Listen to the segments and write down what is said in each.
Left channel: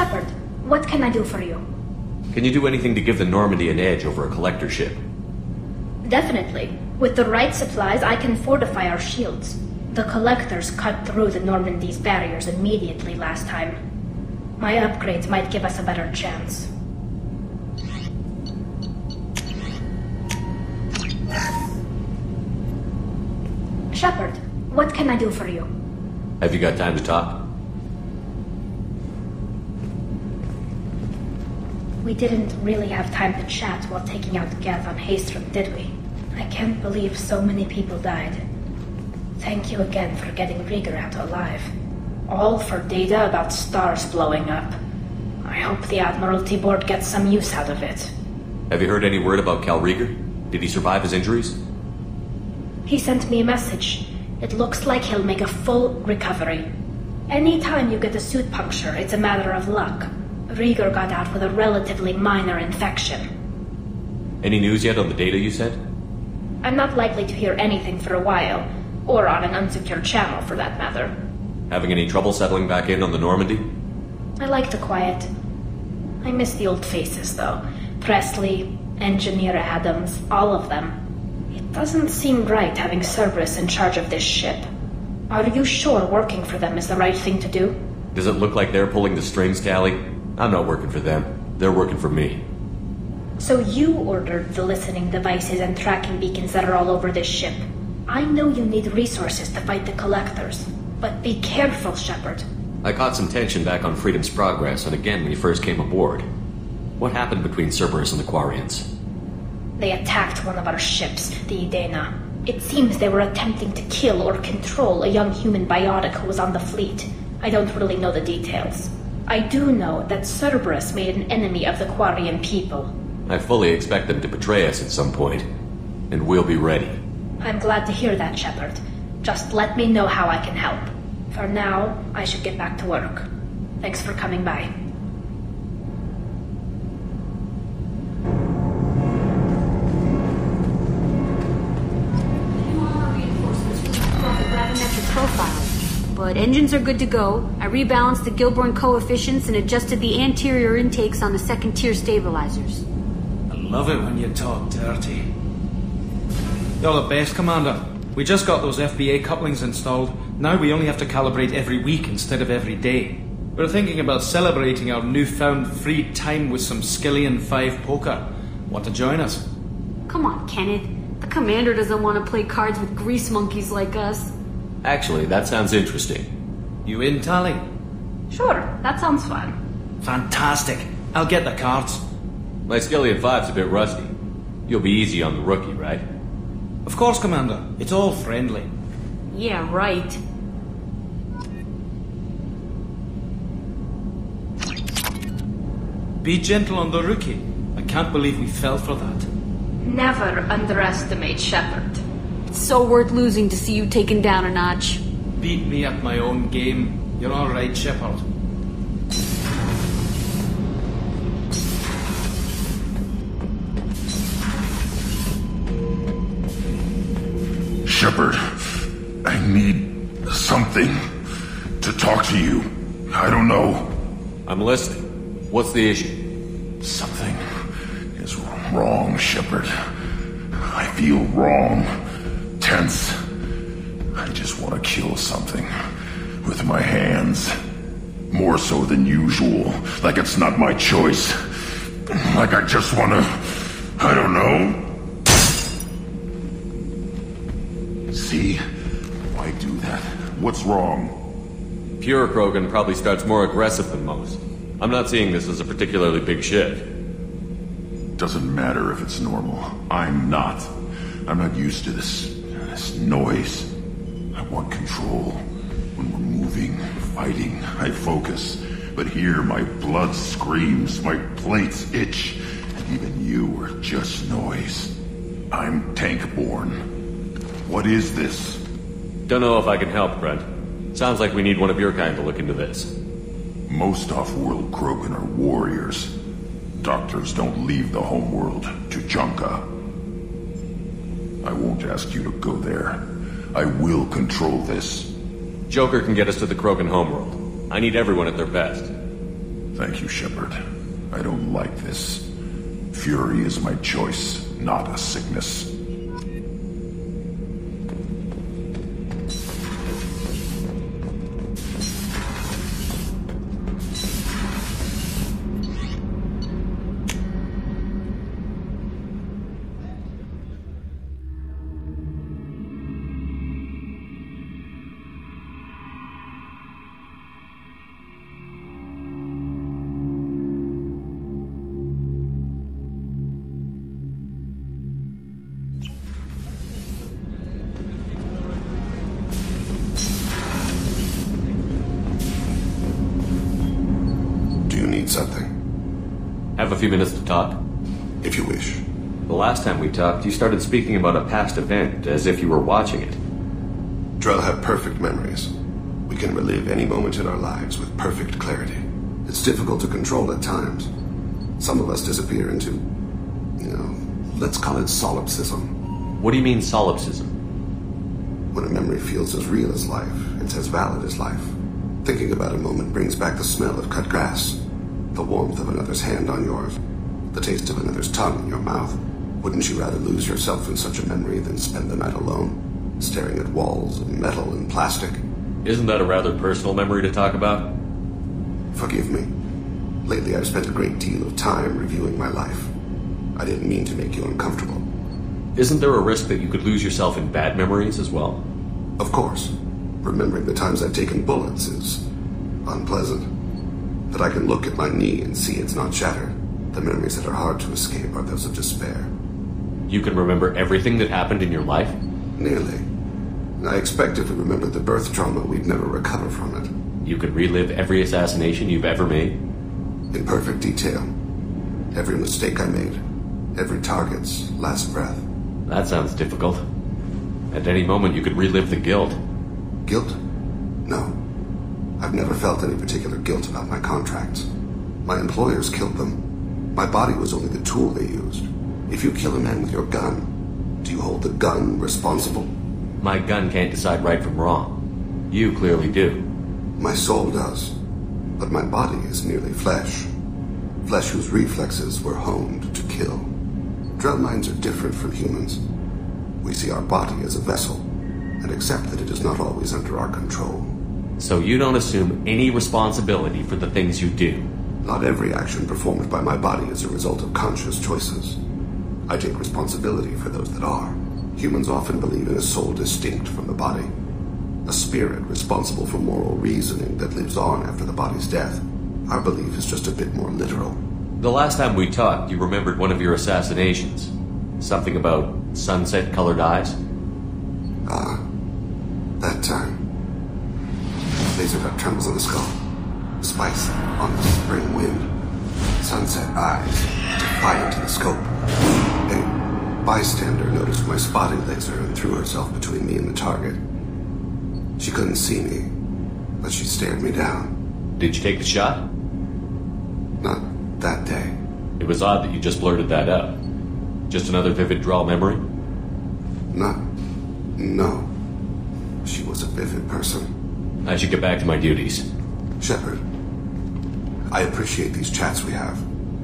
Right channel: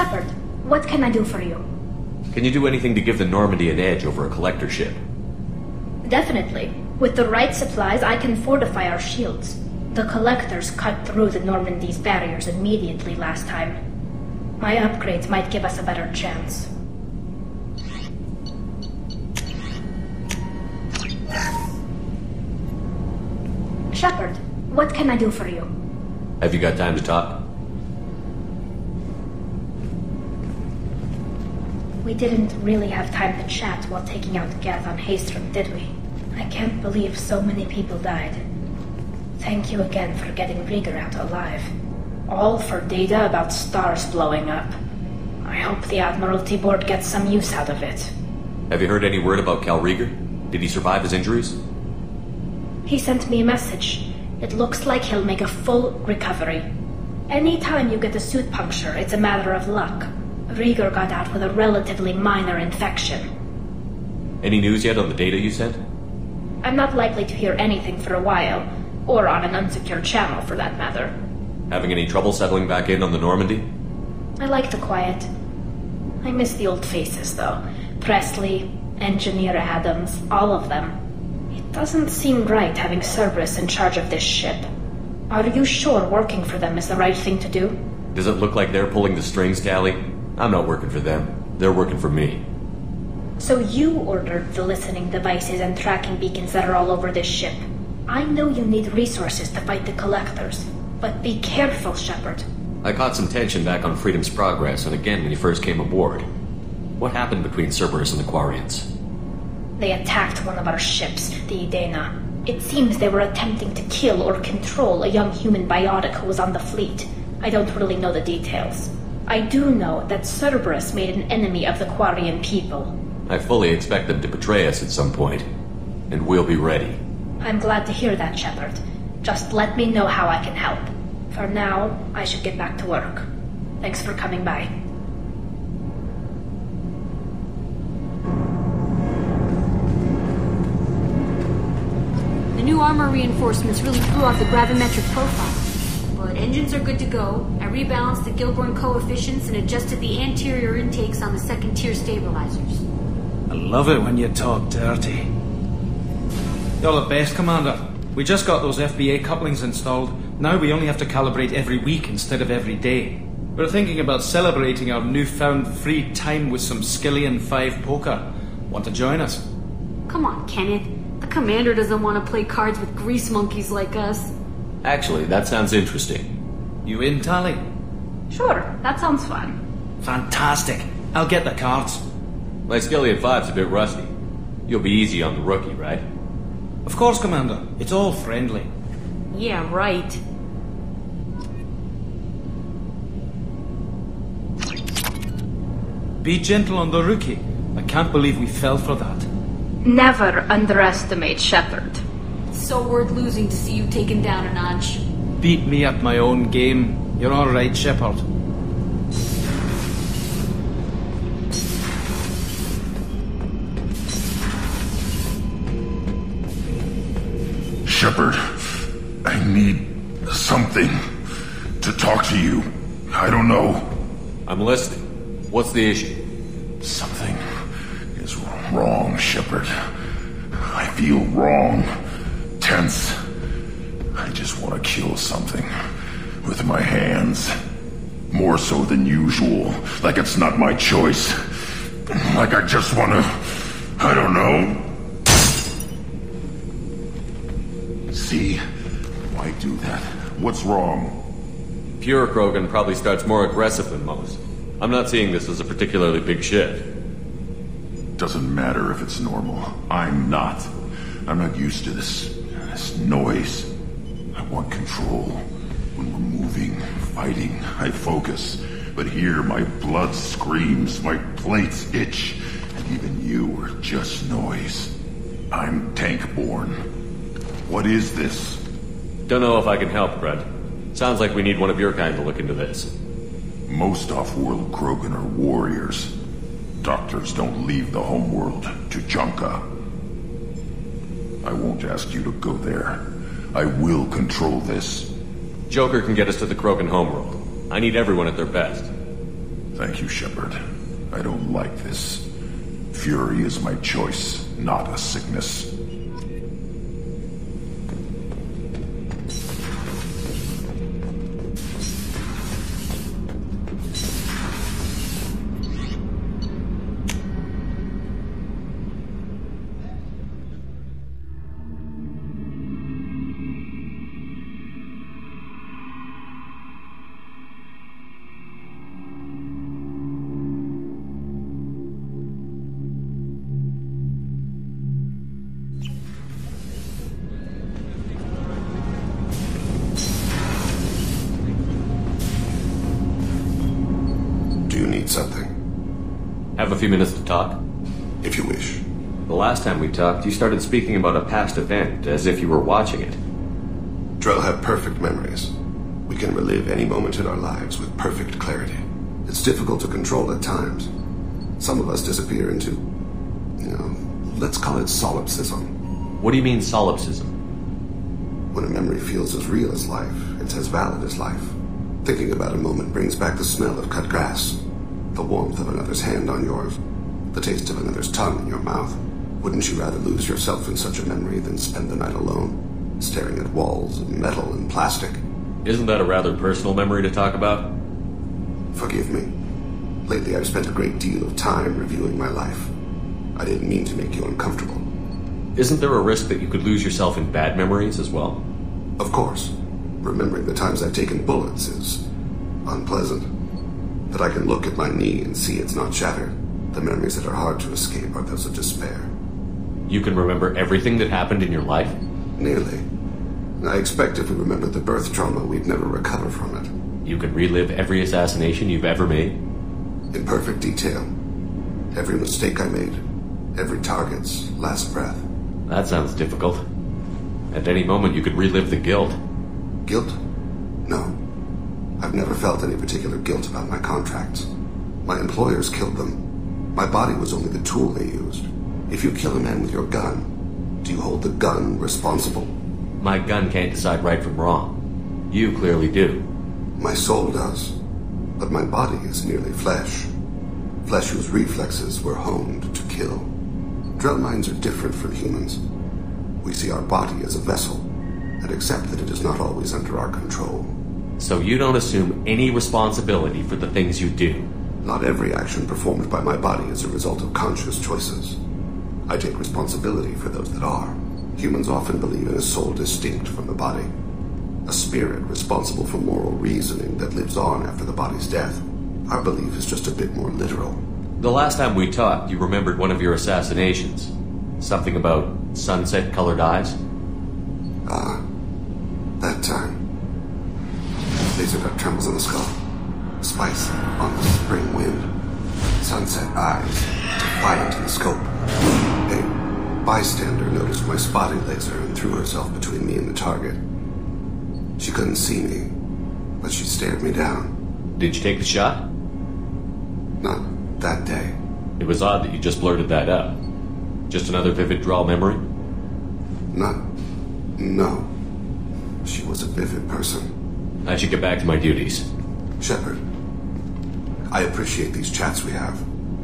Shepard, what can I do for you? Can you do anything to give the Normandy an edge over a collector ship? Definitely. With the right supplies, I can fortify our shields. The collectors cut through the Normandy's barriers immediately last time. My upgrades might give us a better chance. Shepard, what can I do for you? Have you got time to talk? We didn't really have time to chat while taking out Geth on Haestrom, did we? I can't believe so many people died. Thank you again for getting Rieger out alive. All for data about stars blowing up. I hope the Admiralty Board gets some use out of it. Have you heard any word about Cal Rieger? Did he survive his injuries? He sent me a message. It looks like he'll make a full recovery. Anytime you get a suit puncture, it's a matter of luck. Rieger got out with a relatively minor infection. Any news yet on the data you sent? I'm not likely to hear anything for a while, or on an unsecured channel for that matter. Having any trouble settling back in on the Normandy? I like the quiet. I miss the old faces, though. Presley, Engineer Adams, all of them. It doesn't seem right having Cerberus in charge of this ship. Are you sure working for them is the right thing to do? Does it look like they're pulling the strings, Tali? I'm not working for them. They're working for me. So you ordered the listening devices and tracking beacons that are all over this ship. I know you need resources to fight the Collectors, but be careful, Shepard. I caught some tension back on Freedom's Progress, and again when you first came aboard. What happened between Cerberus and the Quarians? They attacked one of our ships, the Idena. It seems they were attempting to kill or control a young human biotic who was on the fleet. I don't really know the details. I do know that Cerberus made an enemy of the Quarian people. I fully expect them to betray us at some point, and we'll be ready. I'm glad to hear that, Shepard. Just let me know how I can help. For now, I should get back to work. Thanks for coming by. The new armor reinforcements really threw off the gravimetric profile. But engines are good to go. I rebalanced the Gilborn coefficients and adjusted the anterior intakes on the second-tier stabilizers. I love it when you talk dirty. You're the best, Commander. We just got those FBA couplings installed. Now we only have to calibrate every week instead of every day. We're thinking about celebrating our newfound free time with some Skillian 5 poker. Want to join us? Come on, Kenneth. The Commander doesn't want to play cards with grease monkeys like us. Actually, that sounds interesting. You in, Tali? Sure, that sounds fun. Fantastic. I'll get the cards. My Skillian 5's a bit rusty. You'll be easy on the rookie, right? Of course, Commander. It's all friendly. Yeah, right. Be gentle on the rookie. I can't believe we fell for that. Never underestimate Shepard. It's so worth losing to see you taken down a notch. Beat me at my own game. You're all right, Shepard. Shepard, I need something to talk to you. I don't know. I'm listening. What's the issue? Something is wrong, Shepard. I feel wrong. Tense. I just want to kill something with my hands. More so than usual. Like it's not my choice. Like I just want to... I don't know. See? Why do that? What's wrong? Pure Krogan probably starts more aggressive than most. I'm not seeing this as a particularly big shift. Doesn't matter if it's normal. I'm not. I'm not used to this noise. I want control. When we're moving, fighting, I focus. But here, my blood screams, my plates itch, and even you are just noise. I'm tank-born. What is this? Don't know if I can help, Grunt. Sounds like we need one of your kind to look into this. Most off-world Krogan are warriors. Doctors don't leave the homeworld to Junka. I won't ask you to go there. I will control this. Joker can get us to the Krogan homeworld. I need everyone at their best. Thank you, Shepard. I don't like this. Fury is my choice, not a sickness. Something. Have a few minutes to talk? If you wish. The last time we talked, you started speaking about a past event, as if you were watching it. Drell have perfect memories. We can relive any moment in our lives with perfect clarity. It's difficult to control at times. Some of us disappear into, let's call it solipsism. What do you mean, solipsism? When a memory feels as real as life, it's as valid as life. Thinking about a moment brings back the smell of cut grass, the warmth of another's hand on yours, the taste of another's tongue in your mouth. Wouldn't you rather lose yourself in such a memory than spend the night alone, staring at walls of metal and plastic? Isn't that a rather personal memory to talk about? Forgive me. Lately I've spent a great deal of time reviewing my life. I didn't mean to make you uncomfortable. Isn't there a risk that you could lose yourself in bad memories as well? Of course. Remembering the times I've taken bullets is unpleasant. But I can look at my knee and see it's not shattered. The memories that are hard to escape are those of despair. You can remember everything that happened in your life? Nearly. I expect if we remembered the birth trauma, we'd never recover from it. You can relive every assassination you've ever made? In perfect detail. Every mistake I made. Every target's last breath. That sounds difficult. At any moment you could relive the guilt. Guilt? No. I've never felt any particular guilt about my contracts. My employers killed them. My body was only the tool they used. If you kill a man with your gun, do you hold the gun responsible? My gun can't decide right from wrong. You clearly do. My soul does. But my body is merely flesh. Flesh whose reflexes were honed to kill. Drell minds are different from humans. We see our body as a vessel, and accept that it is not always under our control. So you don't assume any responsibility for the things you do? Not every action performed by my body is a result of conscious choices. I take responsibility for those that are. Humans often believe in a soul distinct from the body. A spirit responsible for moral reasoning that lives on after the body's death. Our belief is just a bit more literal. The last time we talked, you remembered one of your assassinations. Something about sunset-colored eyes? Ah, that time. Laser dot trembles on the skull. Spice on the spring wind. Sunset eyes, defiant in the scope. A bystander noticed my spotting laser and threw herself between me and the target. She couldn't see me, but she stared me down. Did you take the shot? Not that day. It was odd that you just blurted that out. Just another vivid Drell memory? No. She was a vivid person. I should get back to my duties. Shepard, I appreciate these chats we have.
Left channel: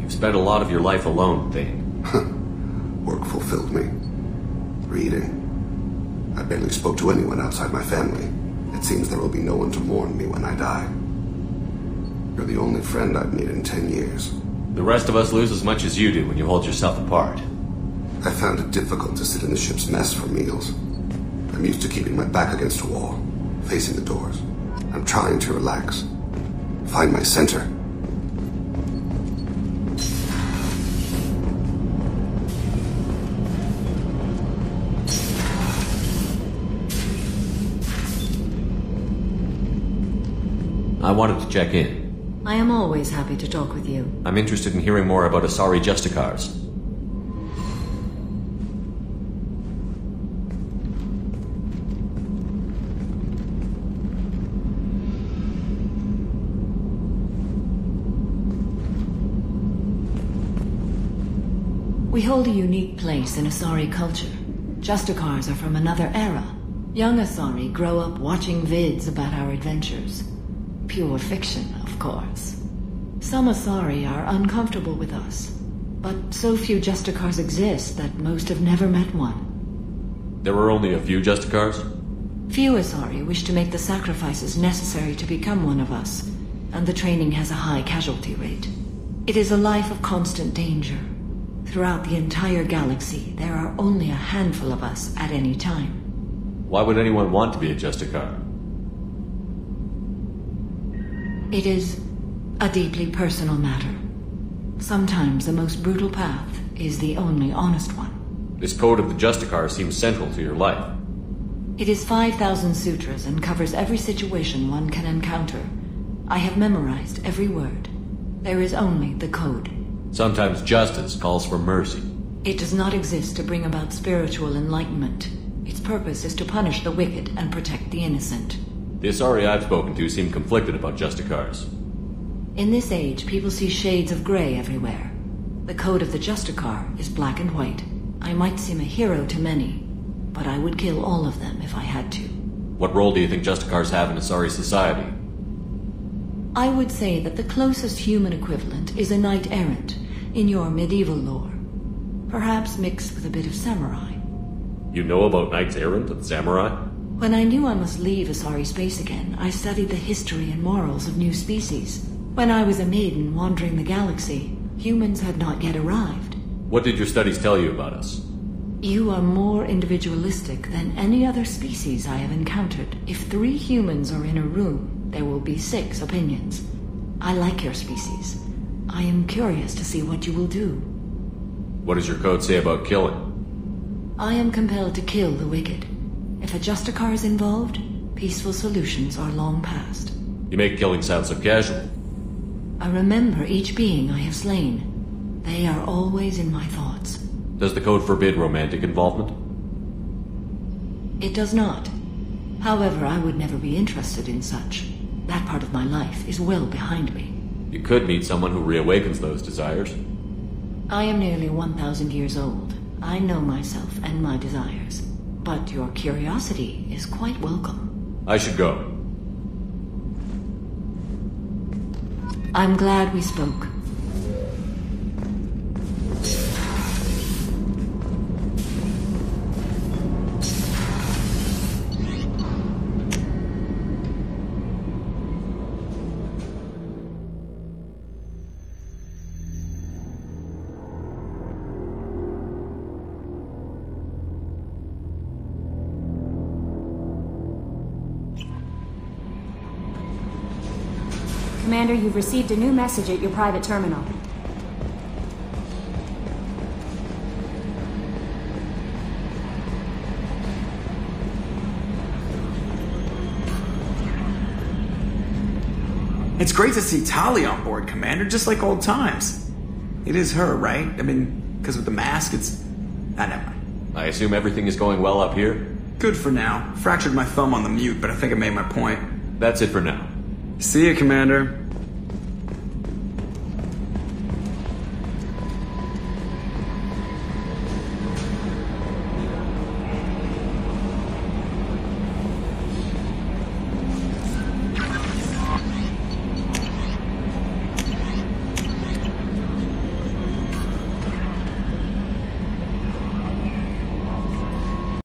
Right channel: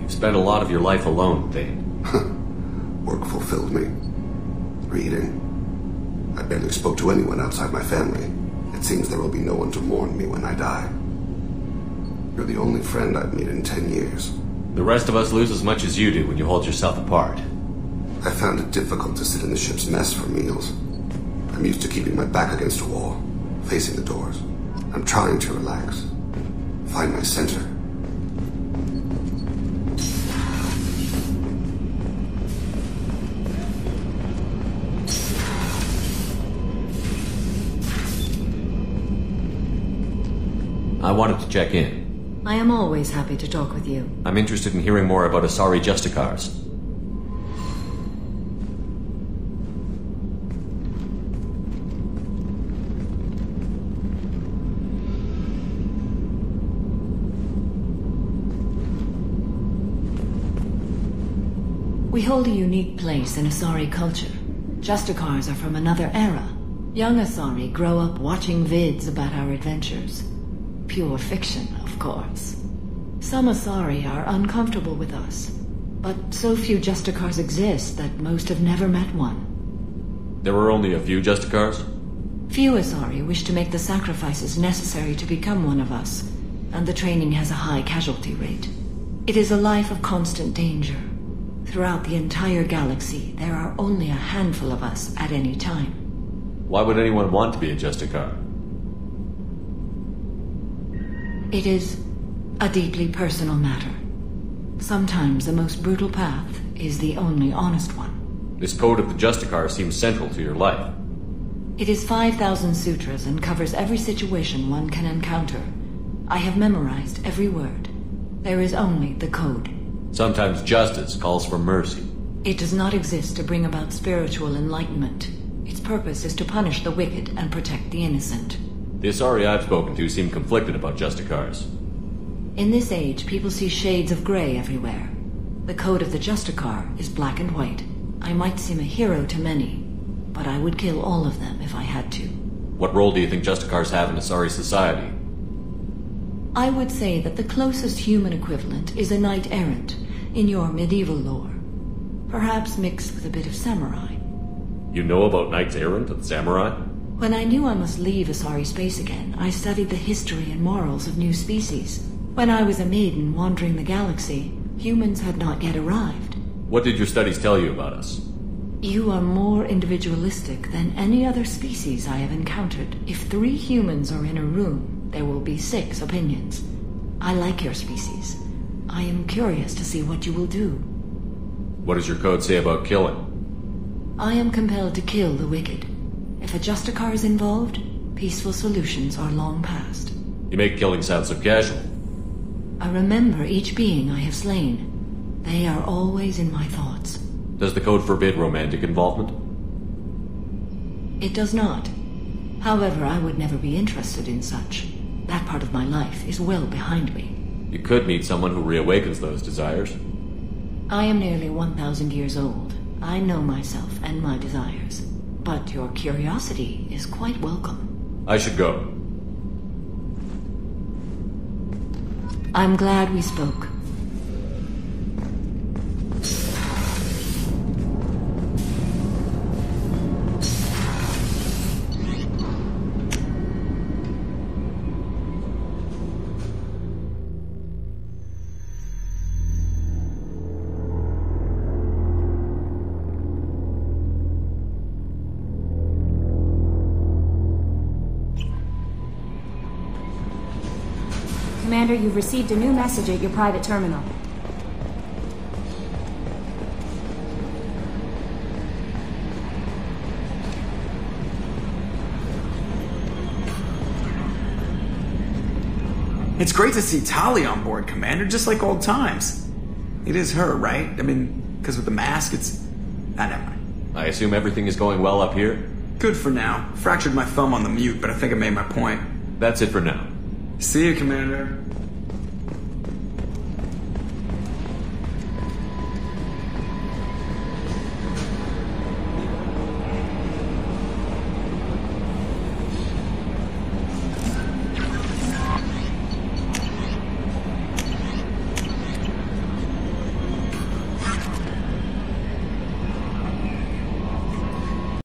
You've spent a lot of your life alone, Thane. Work fulfilled me. Reading. I barely spoke to anyone outside my family. It seems there will be no one to mourn me when I die. You're the only friend I've made in 10 years. The rest of us lose as much as you do when you hold yourself apart. I found it difficult to sit in the ship's mess for meals. I'm used to keeping my back against a wall, facing the doors. I'm trying to relax. Find my center. I wanted to check in. I am always happy to talk with you. I'm interested in hearing more about Asari Justicars. We hold a unique place in Asari culture. Justicars are from another era. Young Asari grow up watching vids about our adventures. Pure fiction, of course. Some Asari are uncomfortable with us, but so few Justicars exist that most have never met one. There were only a few Justicars? Few Asari wish to make the sacrifices necessary to become one of us, and the training has a high casualty rate. It is a life of constant danger. Throughout the entire galaxy, there are only a handful of us at any time. Why would anyone want to be a Justicar? It is a deeply personal matter. Sometimes the most brutal path is the only honest one. This code of the Justicar seems central to your life. It is 5,000 sutras and covers every situation one can encounter. I have memorized every word. There is only the code. Sometimes justice calls for mercy. It does not exist to bring about spiritual enlightenment. Its purpose is to punish the wicked and protect the innocent. The Asari I've spoken to seem conflicted about Justicars. In this age, people see shades of gray everywhere. The code of the Justicar is black and white. I might seem a hero to many, but I would kill all of them if I had to. What role do you think Justicars have in Asari society? I would say that the closest human equivalent is a knight-errant, in your medieval lore. Perhaps mixed with a bit of samurai. You know about knights-errant and samurai? When I knew I must leave Asari space again, I studied the history and morals of new species. When I was a maiden wandering the galaxy, humans had not yet arrived. What did your studies tell you about us? You are more individualistic than any other species I have encountered. If 3 humans are in a room, there will be 6 opinions. I like your species. I am curious to see what you will do. What does your code say about killing? I am compelled to kill the wicked. If a Justicar is involved, peaceful solutions are long past. You make killing sound so casual. I remember each being I have slain. They are always in my thoughts. Does the code forbid romantic involvement? It does not. However, I would never be interested in such. That part of my life is well behind me. You could meet someone who reawakens those desires. I am nearly 1,000 years old. I know myself and my desires. But your curiosity is quite welcome. I should go. I'm glad we spoke. Commander, you've received a new message at your private terminal. It's great to see Tali on board, Commander, just like old times. It is her, right? I mean, because with the mask, it's... never mind. I assume everything is going well up here? Good for now. Fractured my thumb on the mute, but I think I made my point. That's it for now. See you, Commander.